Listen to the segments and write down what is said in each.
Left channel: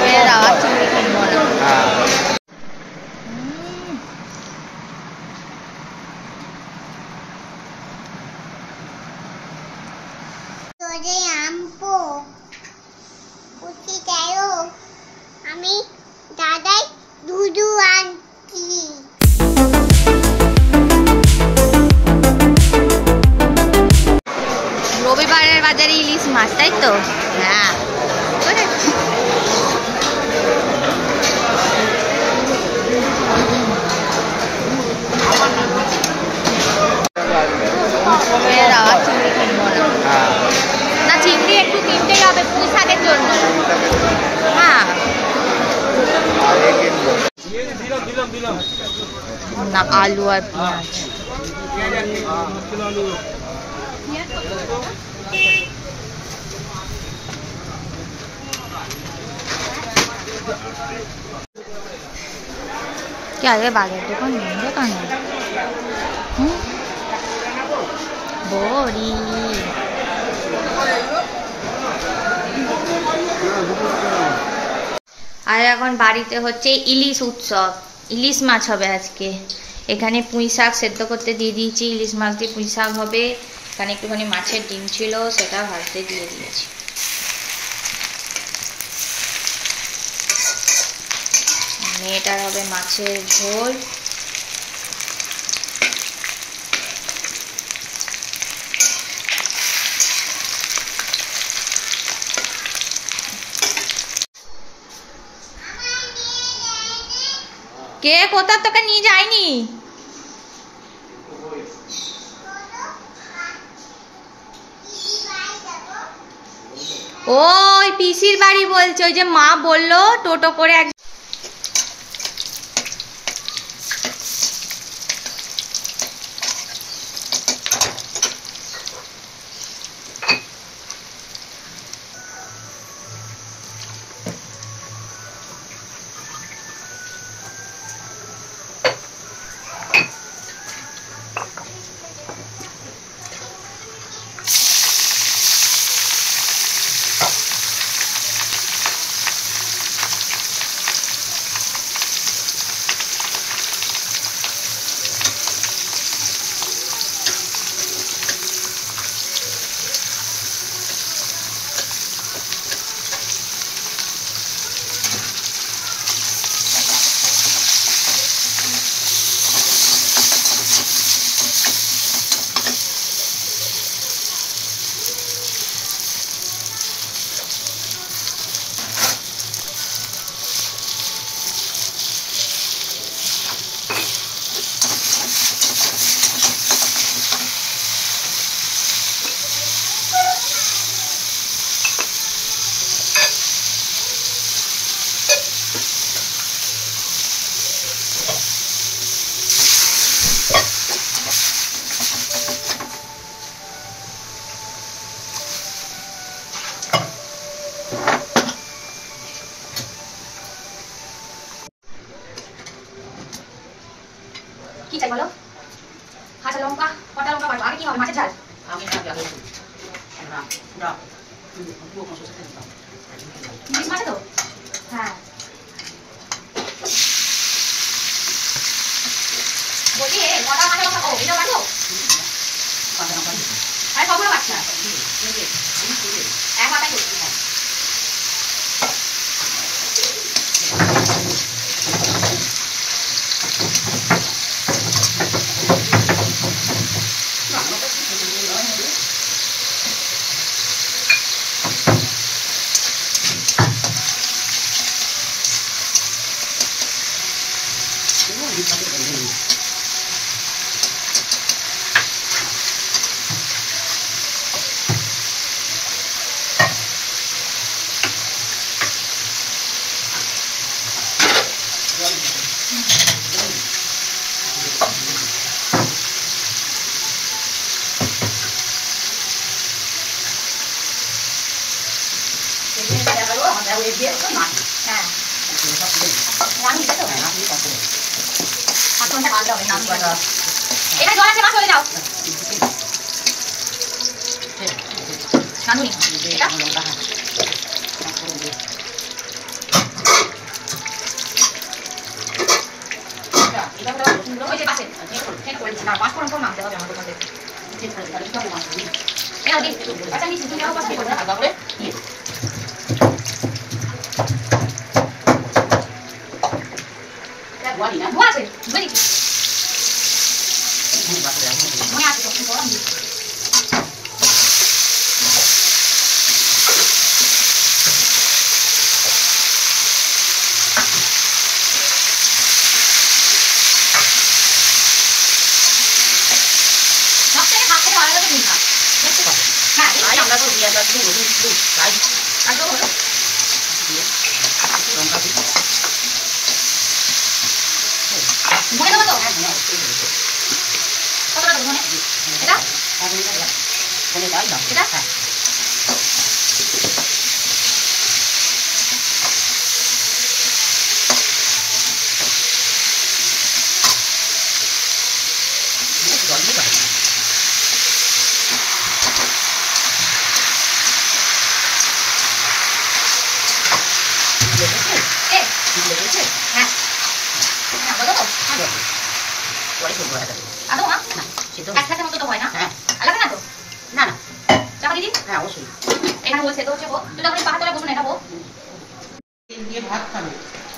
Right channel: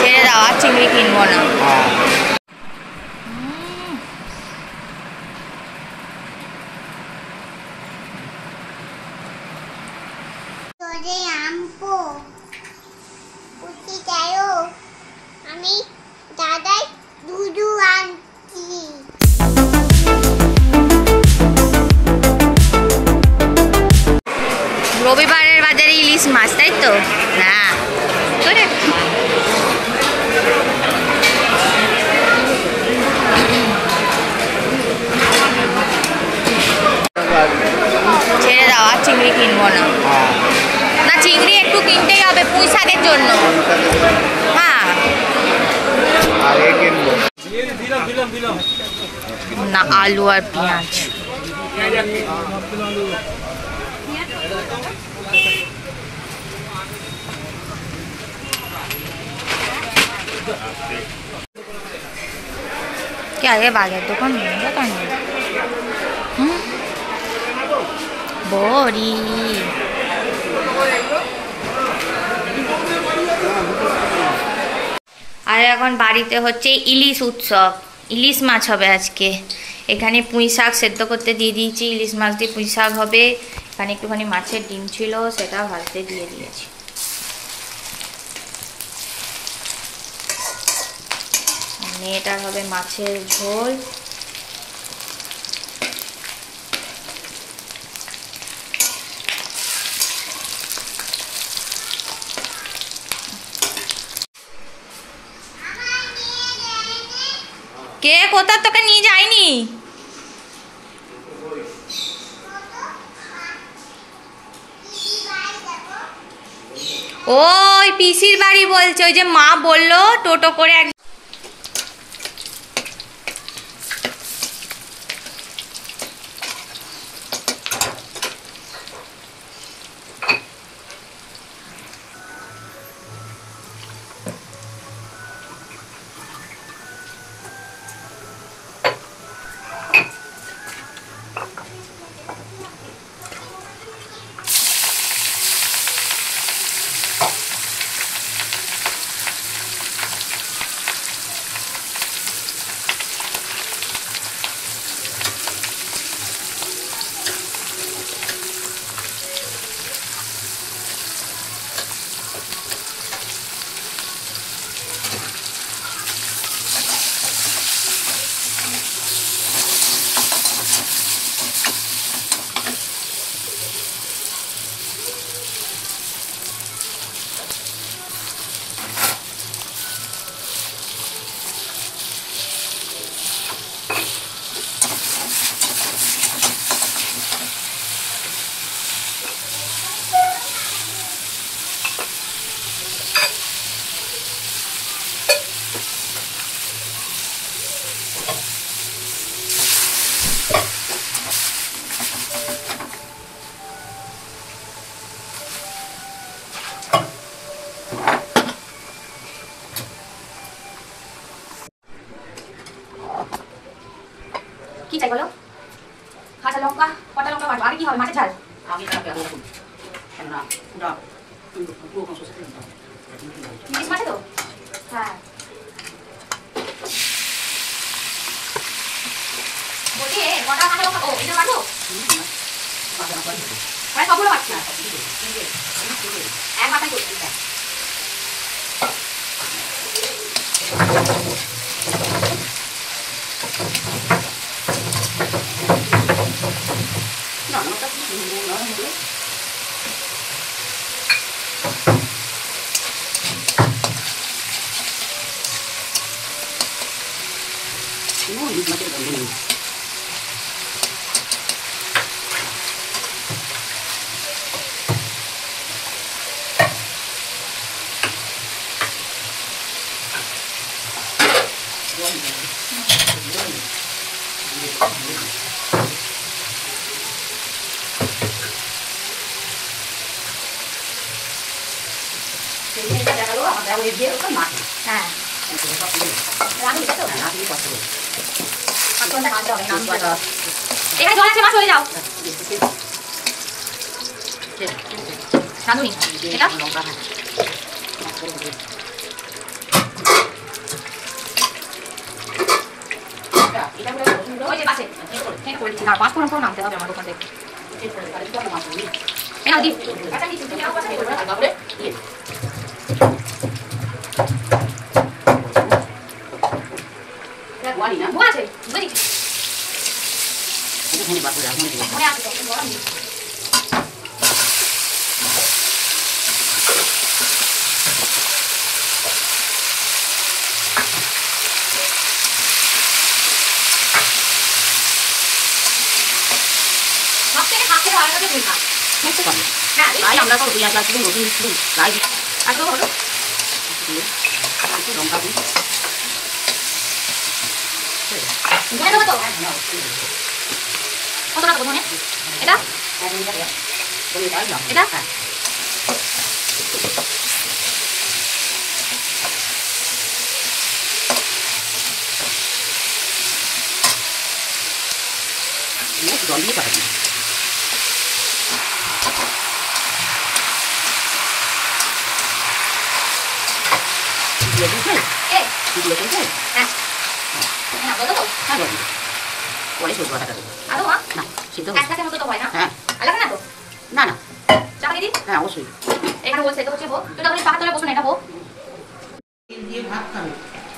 ছেড়ে দাও, আর চিংড়ি কিনবো না। আমি দাদাই দুধু আনছি। রবিবারের বাজারে ইলিশ মাছ, তাই তো? হ্যাঁ, ছেড়ে দাও, আর চিংড়ি কিনবো না। না, চিংড়ি একটু কিনতেই হবে পুঁই শাকের জন্য। হ্যাঁ না, আলু আর পেঁয়াজ। क्या ये बाजार दुकान बंद करनी? বড়ি আর এখন বাড়িতে হচ্ছে ইলিশ উৎসব, ইলিশ মাছ হবে আজকে। এখানে পুঁই শাক সেদ্ধ করতে দিয়ে দিয়েছি, ইলিশ মাছ দিয়ে পুঁই শাক হবে। এখানে একটুখানি মাছের ডিম ছিল, সেটা ভাজতে দিয়ে দিয়েছি। এটার হবে মাছের ঝোল। কে কোথা তোকে নিয়ে যায়নি? ওই পিসির বাড়ি বলছে, ওই যে মা বললো টোটো করে এক কি চাই বলো? কাঁচা লঙ্কা, কটা লঙ্কা কাটবো? আগে কি হবে, মাছের ঝাল? আমি না পুরা ইলিশ মাছ তো? হ্যাঁ, দেখে কটা কাঁচা লঙ্কা খাবো? এটা কাটবো? আরে সবগুলো কাটছি না, এক মাথায় করছি। হ্যাঁ, এখানে জল আছে, মা চলে যাও। এটা মাংস নামতে হবে আমার ওখানে।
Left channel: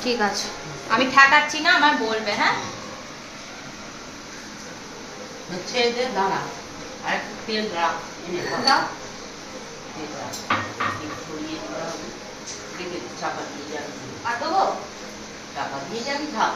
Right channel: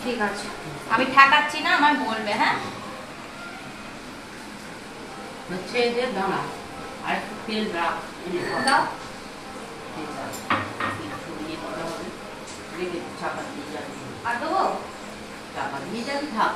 ঠিক আছে, আমি ঠেকাচ্ছি না, আমার বলবে। হ্যাঁ, দাঁড়া আর তেল দাও দাও। আর দেবো? চাপা দিয়ে যাবি, থাক।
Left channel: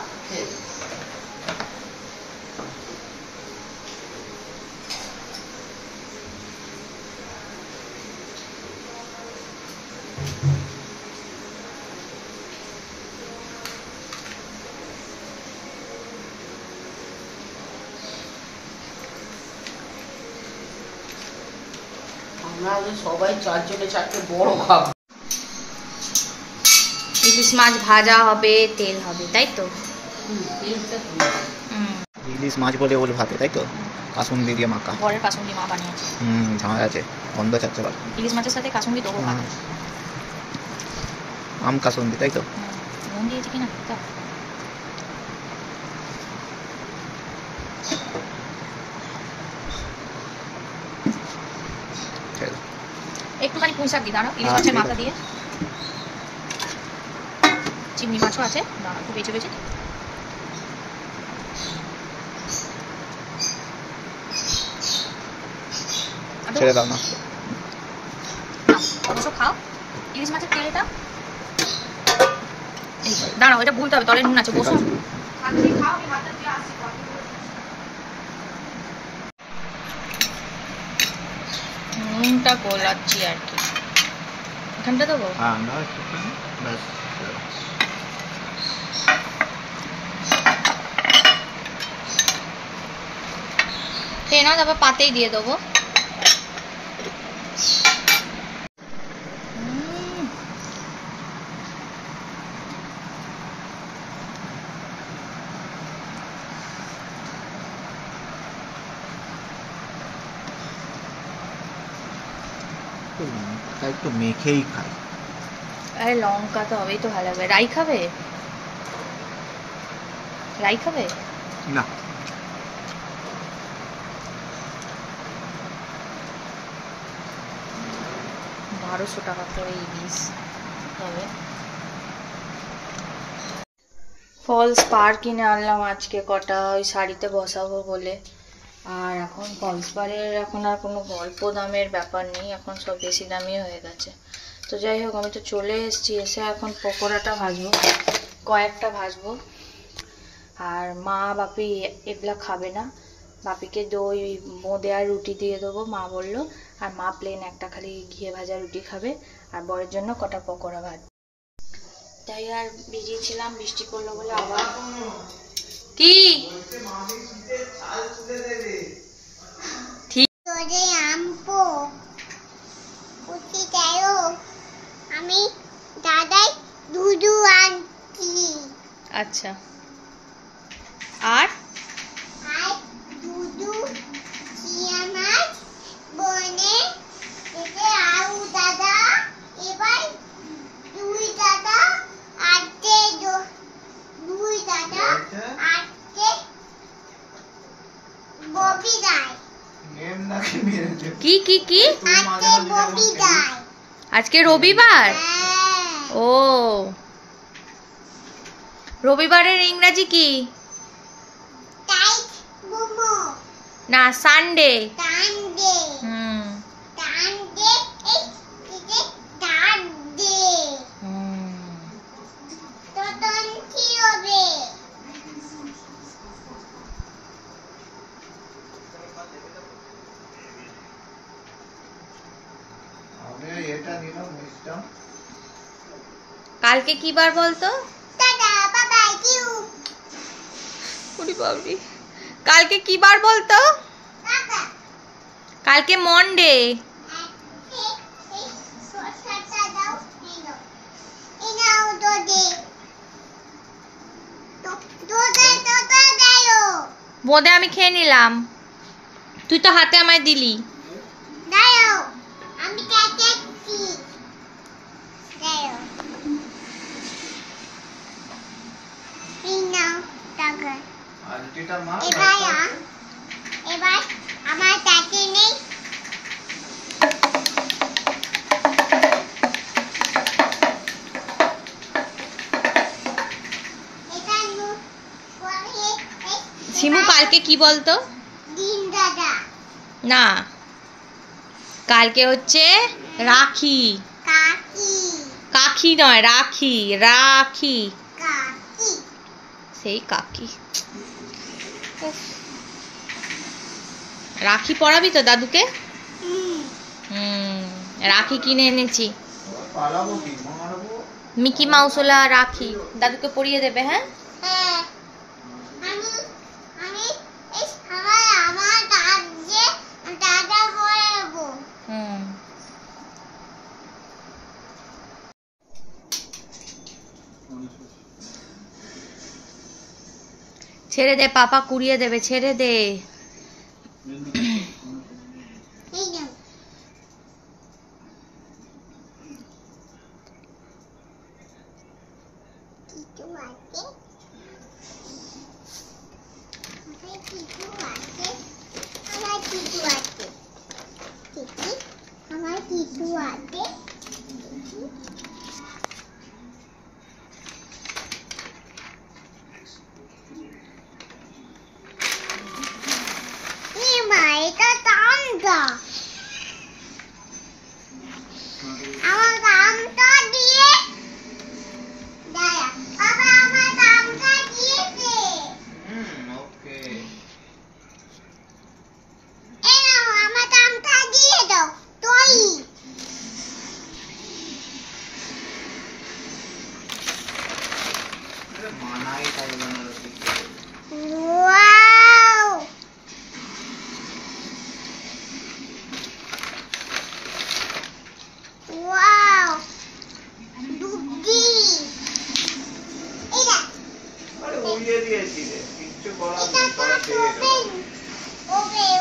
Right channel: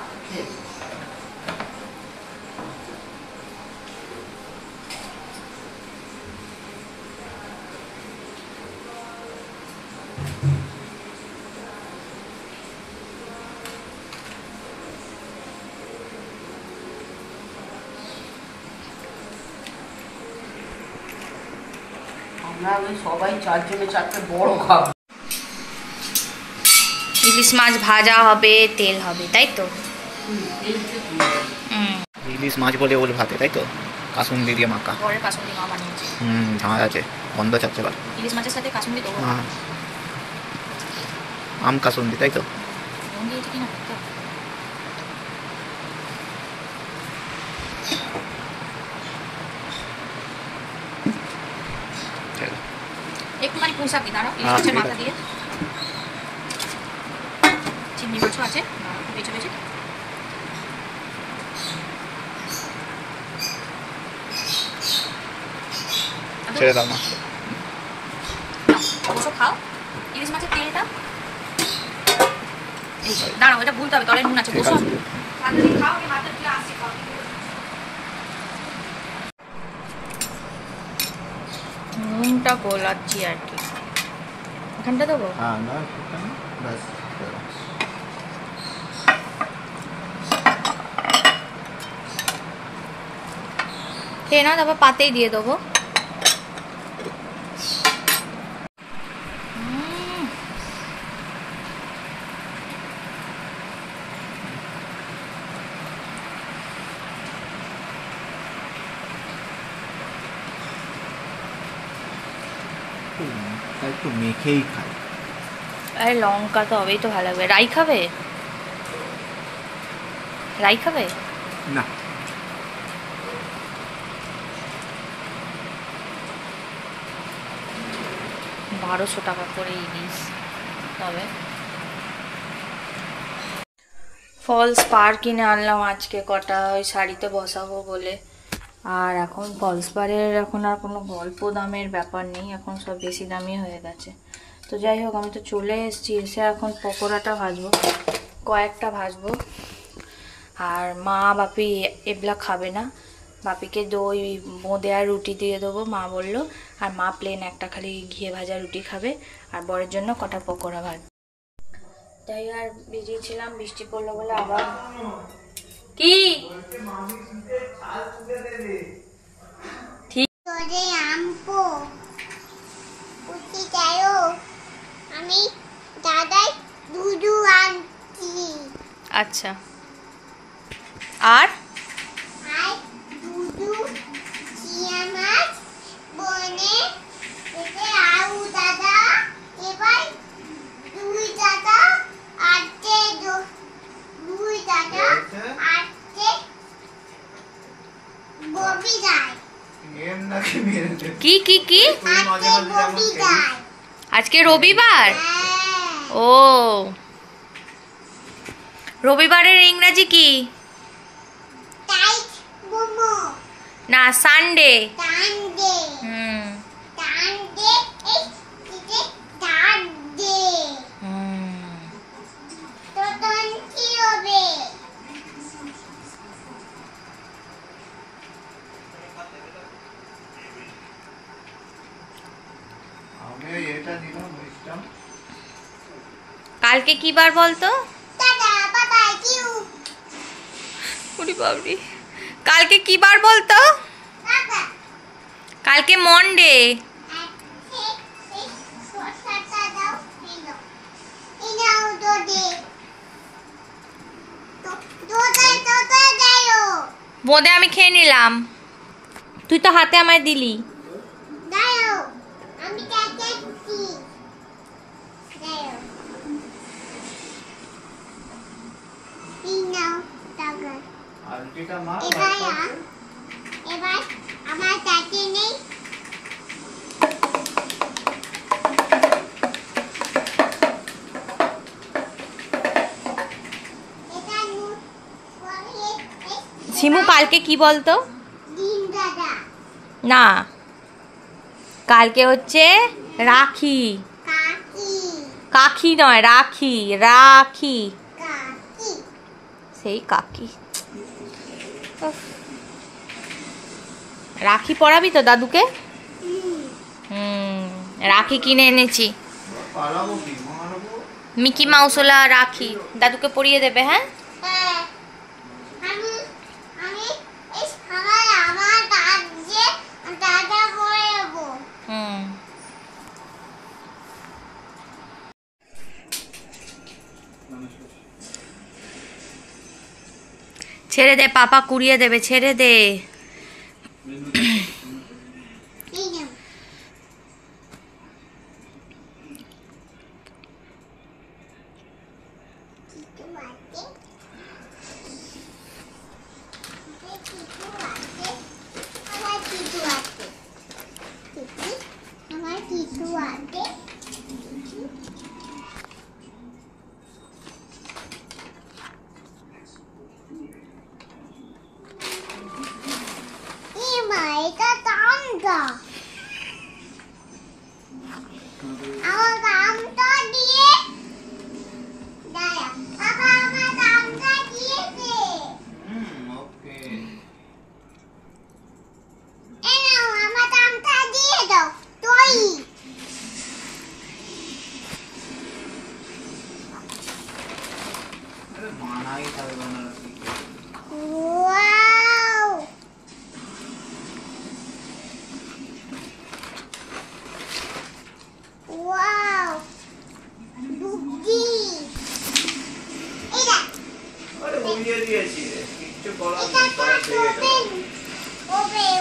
সবাই চারজনে চারটে বড় খাবো। ইলিশ মাছ ভাজা হবে, তেল হবে, তাই তো? ইলিশ মাছ বলে ওল ভাতে, তাই তো? কাসুন্দি দিয়ে মাখা। পরের কাসুন্দি মা বানিয়েছে। ঝাঁজ আছে, গন্ধ ছাড়ছে এবার। ইলিশ মাছের সাথে কাসুন্দি দেবো। আম কাসুন্দি, তাই তো? নুন দিয়েছি কিনা তো। একটুখানি পুঁই শাক দিই, দাঁড়াও। ইলিশ মাছের মাথা দিয়ে চিংড়ি মাছও আছে, একটু বেছে বেছে ছেড়ে দাও না, অবশ্য খাও। ইলিশ মাছের তেলটা দাঁড়াও, এটা ভুলতে হবে, তলে নুন আছে। বসো, খাও। আমি হাতে দিয়ে আসছি। নুনটা গোলাচ্ছি আর কি। এখানটা দেবো? খেয়ে না, তারপর পাতেই দিয়ে দেবো। একটু মেখেই খাই। আরে লঙ্কা তো হবেই তো, ভালো লাগবে। রাই খাবে? রাই খাবে না, 1200 টাকা করে ইলিশ। তবে ফলস পার কিনে আনলাম আজকে কটা, ওই শাড়িতে বসাবো বলে। আর এখন ফলস পারের এখন আর কোনো অল্প দামের ব্যাপার নেই, এখন সব বেশি দামি হয়ে গেছে। তো যাই হোক, আমি তো চলে এসেছি, এসে এখন পকোড়াটা ভাজবো, কয়েকটা ভাজবো। আর মা বাপি এগুলা খাবে না, বাপিকে দই বোঁদে আর রুটি দিয়ে দেবো মা বললো। আর মা প্লেন একটা খালি ঘিয়ে ভাজা রুটি খাবে, আর বরের জন্য কটা পকোড়া ভাজ। তাই আর বেরিয়েছিলাম, বৃষ্টি পড়লো বলে আবার। কি তোরে আমপো উঠি যাও, আমি দাদাই দুধু আনছি। আচ্ছা, আর আর দুধু চিয়া মাছ বনে থেকে আউ দাদা, এবার দুই দাদা আটকে দুই দাদা আটকে ববি কি কি কি আজকে রবিবার। আজকে রবিবার? হ্যাঁ। ও, রবিবারের ইংরাজি কি? টাইট মোমো। না, সানডে। টানডে। হুম টানডে এই টানডে। তো তখন কি হবে? কালকে কি বার বলতো? টাটা বাবা কিউ। ওরে বাবরি, কালকে কি বার বলতো? কাকা কালকে মন্ডে। এই সরষাটা দাও কিনো। এই নাও তো দে। তো দাও। বোঁদে আমি খেয়ে নিলাম, তুই তো হাতে আমায় দিলি। দাও। আমি কাটাচ্ছি। দাও। এই নাও টাকা। এবার আমার কাছে নেই। এটা নু পরে শিমু কালকে কি বলতো? দিন দাদা। না, কালকে হচ্ছে রাখি। কাকি। কাকি নয়, রাখি। রাখি, কাকি। সেই কাকি। উফ। রাখি পরাবি তো দাদুকে? রাখি কিনে এনেছি, মিকি মাউসওয়ালা রাখি, দাদুকে পরিয়ে দেবে। হ্যাঁ, হ্যাঁ। আমি আমি এই আমার কাজে দাদা পড়াবো। হুম। ছেড়ে দে, পাপা কুড়িয়ে দেবে, ছেড়ে দে। এই নাও। কিছু আছে? আমার কিছু আছে। আমার কিছু আছে। মা এটা টানটা। আমার দামটা দিয়ে দাঁড়া। বাবা আমার দামটা দিয়েছে। এই নাও আমার দামটা দিয়ে দাও। তুই ওয়াও। ওয়াও দুধি। এটা এটা কাট ওপেন। ওবে।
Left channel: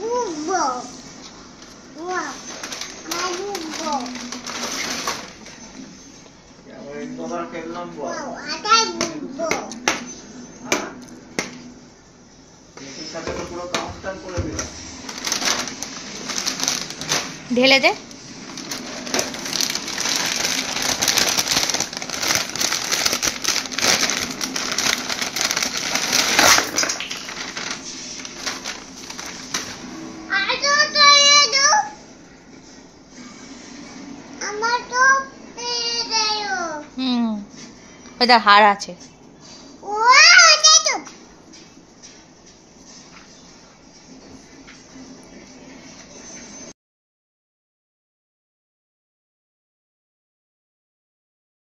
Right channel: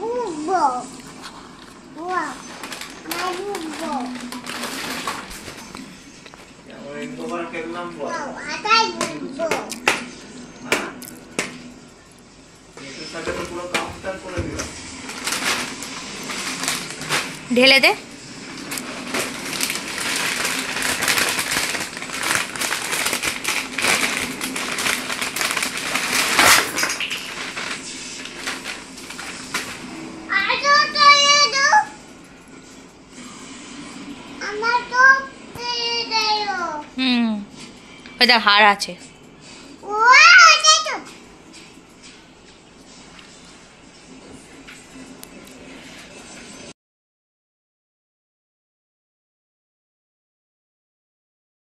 বুবো। ওয়াও আমার বুবো। ওয়াও আটাই বুবো। ঢেলে দে। আজো দিয়ে দাও। আমার তো দিয়ে দাও। ওই দেখ হার আছে।